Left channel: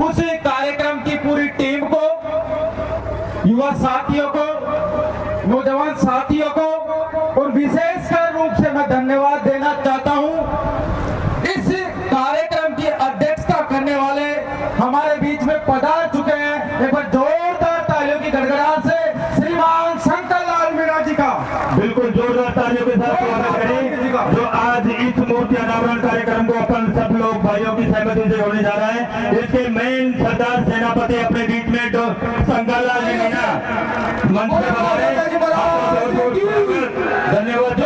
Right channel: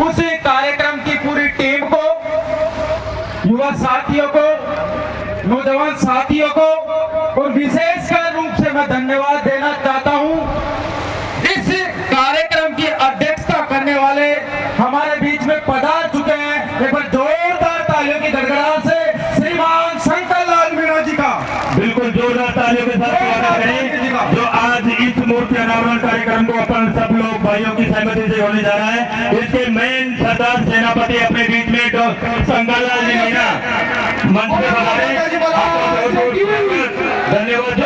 उसी कार्यक्रम की पूरी टीम को, युवा साथियों को, नौजवान साथियों को और विशेषकर रूप से मैं धन्यवाद देना चाहता हूं। इस कार्यक्रम की अध्यक्षता करने वाले हमारे बीच में पधार चुके हैं, एक बार जोरदार तालियों की गड़गड़ाहट से श्रीमान शंकर लाल मीणा जी का बिल्कुल जोरदार तालियों के साथ स्वागत करें, जो आज इस मूर्ति अनावरण कार्यक्रम को अपन सब लोग भाइयों की सहमति से होने जा रहा है। इसके मेन सरदार सेनापति अपने बीच में तो शंकर लाल जी मीणा मंच पे पधारे। धन्यवाद।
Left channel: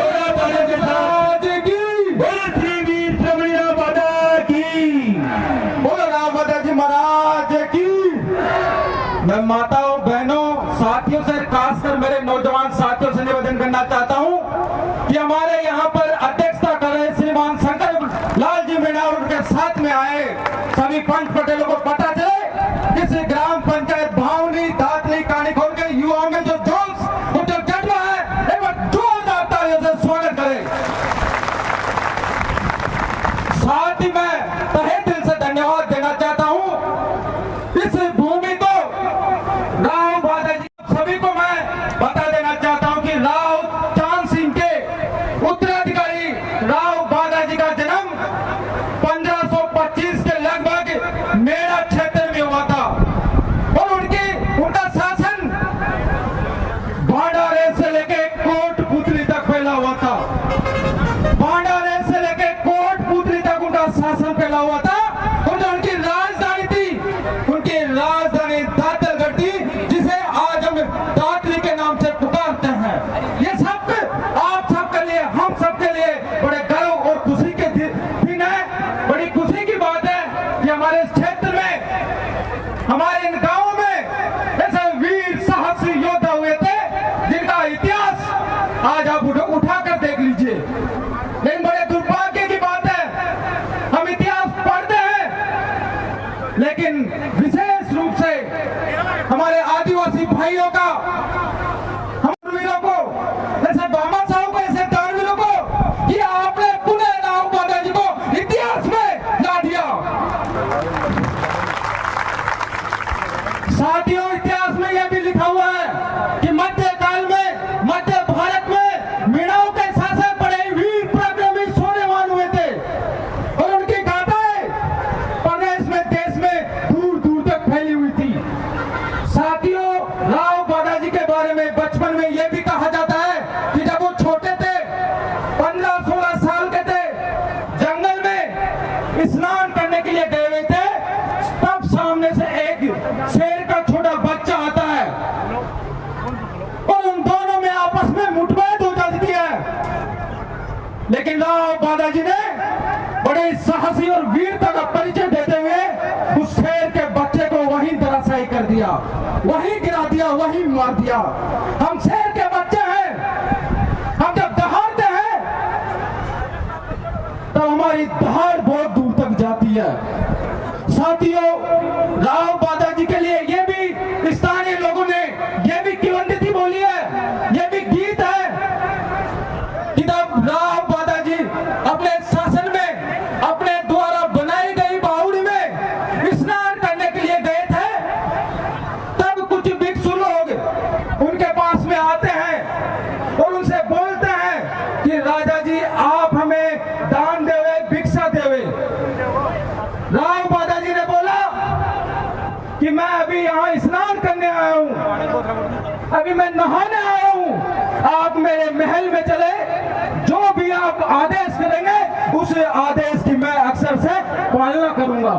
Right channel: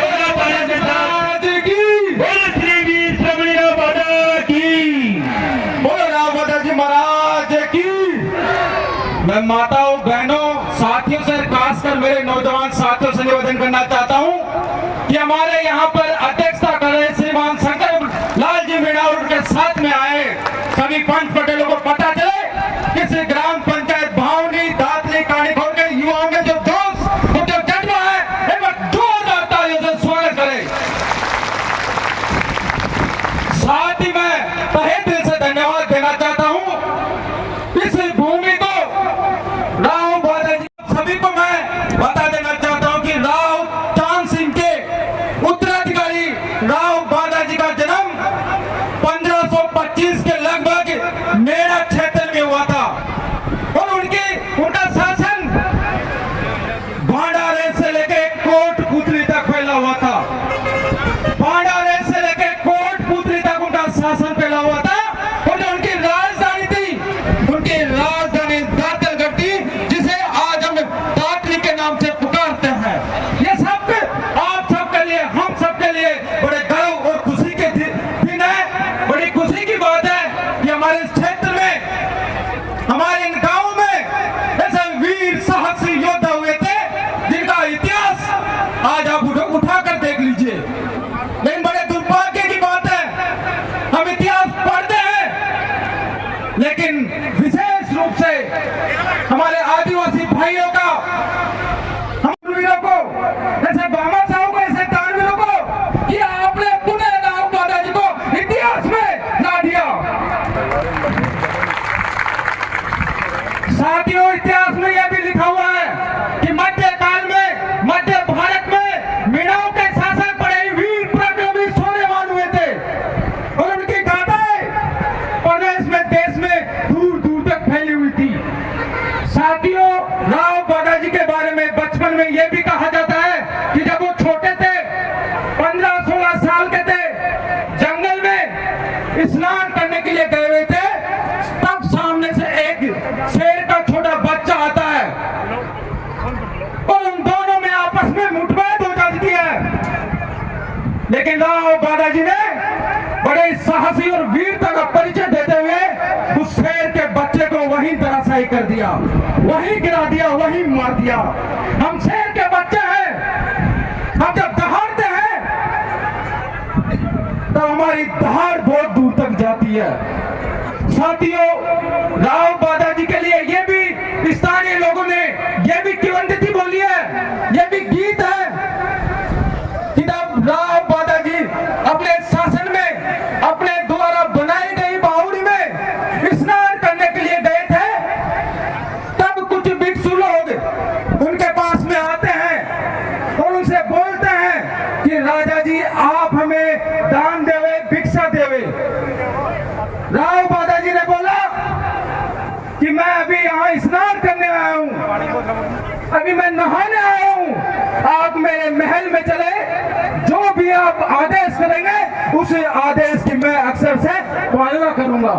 मैं माताओं, बहनों, साथियों से, खासकर मेरे नौजवान साथियों से निवेदन करना चाहता हूं कि हमारे यहाँ पर अध्यक्षता कर रहे श्रीमान शंकर लाल जी मीणा और उनके साथ में आए सभी पंच पटेलों को पता चले किस ग्राम पंचायत भावनी दातली कानीखोल के युवाओं के जो जोश और जो जज्बा है, एक बार जोरदार तालियों से स्वागत करें। साथ ही मैं तहे दिल से धन्यवाद देना चाहता हूं इस भूमि को, राव बादा जी सभी को मैं बता देना चाहता हूं कि राव चांद सिंह के उत्तराधिकारी राव बादा जी का जन्म 1525 के लगभग मेरा क्षेत्र में हुआ था और उनका शासन भांडारे से लेके कोटपुतली तक फैला हुआ था। भांडारे से लेके कोटपुतली तक उनका शासन फैला हुआ था और जो उनकी राजधानी थी, उनकी राजधानी दातलगढ़ थी, जिसे आज हम दातली के नाम से पुकारते हैं। ये सब आप सबके लिए, हम सबके लिए बड़े गर्व और खुशी के दिन है। बड़ी खुशी की बात है कि हमारे इस क्षेत्र में, हमारे इन गांवों में ऐसे वीर साहसी योद्धा हुए थे जिनका इतिहास आज आप उठा कर देख लीजिए। लेकिन बड़े दुर्भाग्य की बात है, हम इतिहास पढ़ते हैं लेकिन विशेष रूप से हमारे आदिवासी भाइयों का, हम वीरों को, ऐसे बाबा साहब को, ऐसे दानवीरों को कि आपने पुनः राव बादा जी को इतिहास में ला दिया। साथियों, इतिहास में यह भी लिखा हुआ है कि मध्यकाल में, मध्य भारत में मीणाओं के शासन पड़े वीर पराक्रमी शौर्यवान हुए थे और उनकी गाथाएं प्रदेश में, देश में दूर दूर तक फैली हुई थी। साथियों, राव बादा जी के बारे में बचपन में यह भी कहा जाता है कि जब वो छोटे थे, 15-16 साल के थे, जंगल में स्नान करने के लिए गए हुए थे, तब सामने से एक शेर का छोटा बच्चा आता है और उन दोनों में आपस में मुठभेड़ हो जाती है। लेकिन राव बादा जी ने बड़े साहसी और वीरता का परिचय देते हुए उस शेर के बच्चे को वहीं धराशायी कर दिया, वहीं गिरा दिया, वहीं मार दिया। हम शेर के बच्चे हैं, हम जब दहाड़ते हैं तब हमारी दहाड़ बहुत दूर तक जाती है। साथियों, राव बादा जी के लिए ये भी स्थानीय लोगों ने ये भी किवंदती बोली है, ये भी गीत है कि जब राव बादा जी अपने शासन में, अपने द्वारा बनाई गई बावड़ी में स्नान करने के लिए गए थे, तब कुछ भिक्षु लोग उनके पास में आते हैं और उनसे बोलते हैं कि राजा जी आप हमें दान देवे, भिक्षा देवे। राव बादा जी ने बोला कि मैं अभी यहाँ स्नान करने आया हूँ, अभी मैं नहाने आया हूँ, आप मेरे महल में चले, जो भी आप आदेश करेंगे उस आदेश की मैं अक्सर से पालना करूंगा।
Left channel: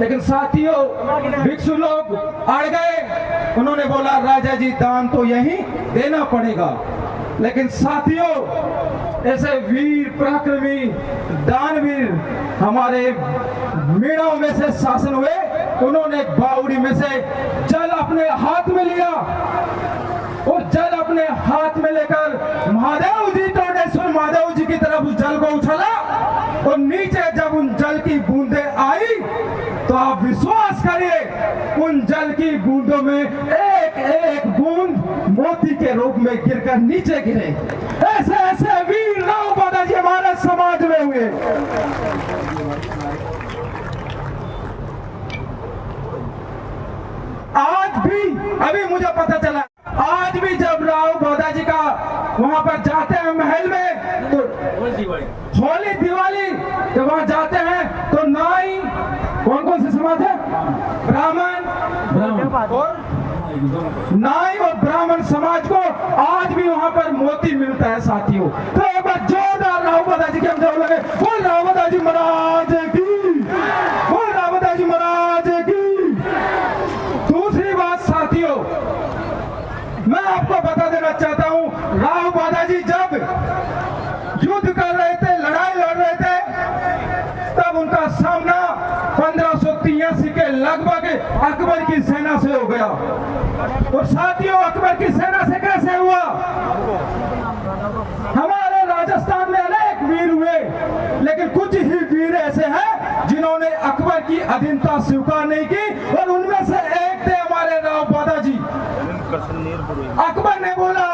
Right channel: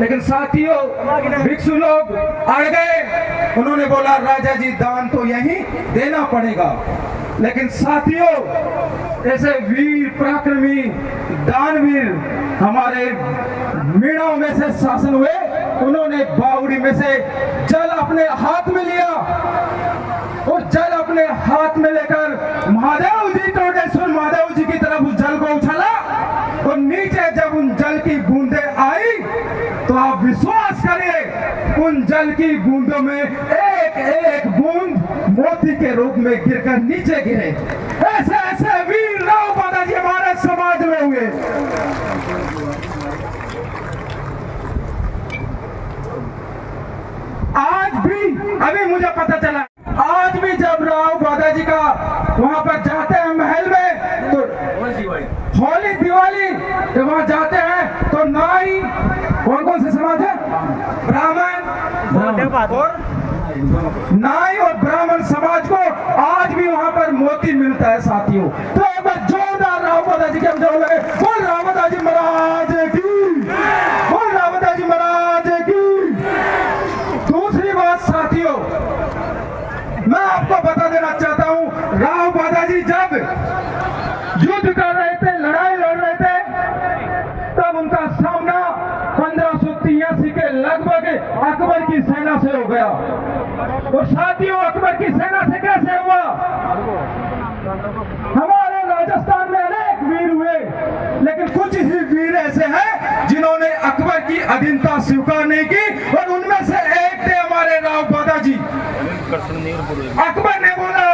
लेकिन साथियों, भिक्षु लोग अड़ गए, उन्होंने बोला राजा जी दान तो यहीं देना पड़ेगा। लेकिन साथियों, ऐसे वीर पराक्रमी दानवीर हमारे मीणाओं में से शासन हुए, उन्होंने बावड़ी में से जल अपने हाथ में लिया और जल अपने हाथ में लेकर महादेव जी, टोटेश्वर महादेव जी की तरफ उस जल को उछाला और नीचे जब उन जल की बूंदें आई तो आप विश्वास करिए, उन जल की बूंदों में एक एक बूंद मोती के रूप में गिरकर नीचे गिरे। ऐसे ऐसे वीर राव बादा जी हमारे समाज में हुए। अभी मुझे पता चला, आज भी जब राव दादाजी का वहाँ पर जाते हैं महल में, तो होली दिवाली जब वहाँ जाते हैं तो नाई, कौन कौन से समाज है, ब्राह्मण और नाई और ब्राह्मण समाज को आज भी वहाँ पर मोती मिलता है साथियों। तो एक बार जोरदार राव दादाजी के हम जो लगे, बोल राव दादाजी महाराज की, बोल राव दादाजी महाराज की। दूसरी बात साथियों, मैं आपको बता देना चाहता हूँ, राव दादाजी जब युद्ध कर रहे थे, लड़ाई लड़ रहे थे, तब उनका सामना 1583 के लगभग अकबर की सेना से हो गया। और साथियों, अकबर की सेना से कैसे हुआ? हमारे राजस्थान में अनेक वीर हुए, लेकिन कुछ ही वीर ऐसे हैं जिन्होंने अकबर की अधीनता स्वीकार नहीं की, और उनमें से एक थे हमारे राव दादाजी। अकबर ने बोला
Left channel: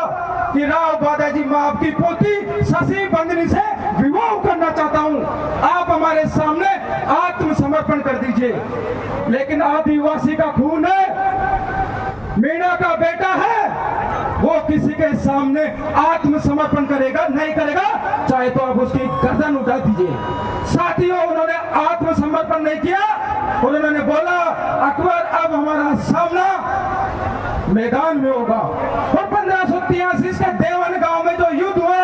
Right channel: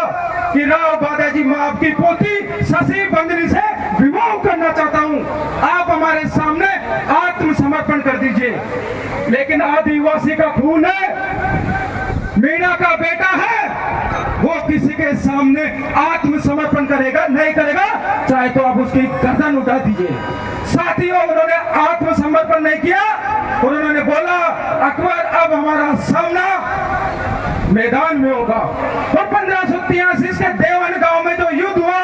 कि राव दादाजी, मैं आपकी पोती शशि बंदनी से विवाह करना चाहता हूं, आप हमारे सामने आत्मसमर्पण कर दीजिए। लेकिन आदिवासी का खून है, मीणा का बेटा है, वो किसी के सामने आत्मसमर्पण करेगा नहीं करेगा, चाहे तो आप उसकी गर्दन उठा दीजिए। साथियों, उन्होंने आत्मसमर्पण नहीं किया और उन्होंने बोला, अकबर अब हमारा सामना मैदान में होगा। और 1583 के देवन गांव में जो युद्ध हुआ,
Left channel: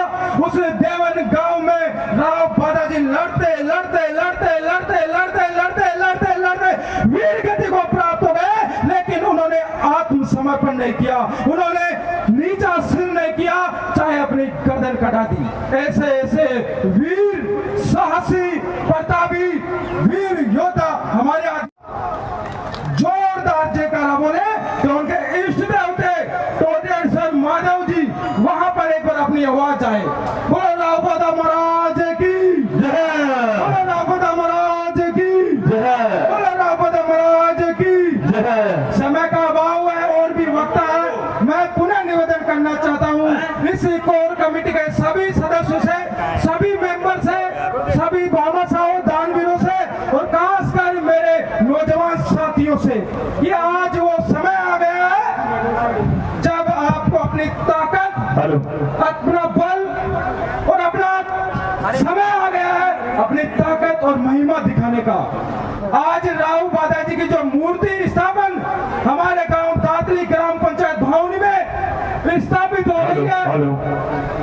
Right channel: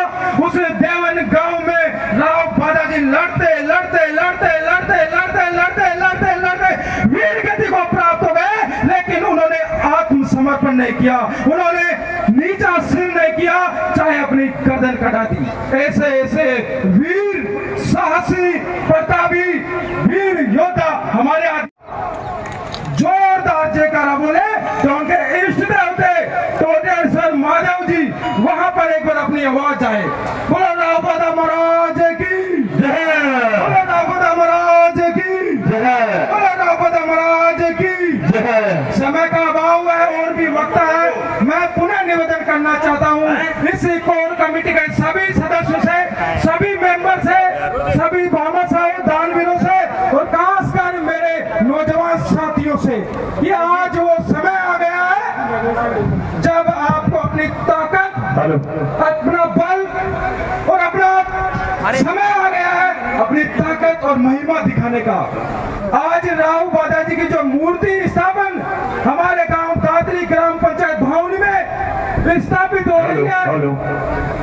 उस देवन गांव में राव दादाजी लड़ते लड़ते लड़ते लड़ते लड़ते लड़ते लड़ते लड़ते वीर गति को प्राप्त हो गए, लेकिन उन्होंने आत्मसमर्पण नहीं किया, उन्होंने नीचा सिर नहीं किया, चाहे अपनी गर्दन कटा दी। ऐसे ऐसे वीर साहसी प्रतापी वीर योद्धा हमारे जोरदार जयकारा बोले तो उनके इष्ट देव थे टोटेश्वर महादेव जी, वहां पर एक बार अपनी आवाज आए, बोलो राव दादा महाराज की जय, बोलो राव दादा महाराज की जय, बोलो राव दादा महाराज की जय। समय का अभाव है और भी वक्त है, मैं पुनः निवेदन करना चाहता हूँ इस कोर कमेटी के सभी सदस्यों से, सभी मेंबर से, सभी भामाशाहों दानवीरों से, और खासकर मेरे नौजवान साथियों से, कि आज वो समय आ गया है जब आपको अपनी ताकत, अपना बल और अपना समय आ गया है अपनी ताकत और महिमा दिखाने का। आज राव दादाजी की जो मूर्ति स्थापन हमारे गांव कातली ग्राम पंचायत भवन में स्थापित हो रही है,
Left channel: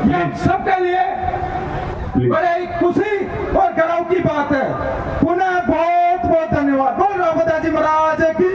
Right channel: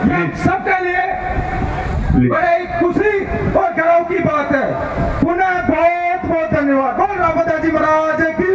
ये सबके लिए बड़े खुशी और गर्व की बात है। पुनः बहुत बहुत धन्यवाद। बोल राव दादाजी महाराज की।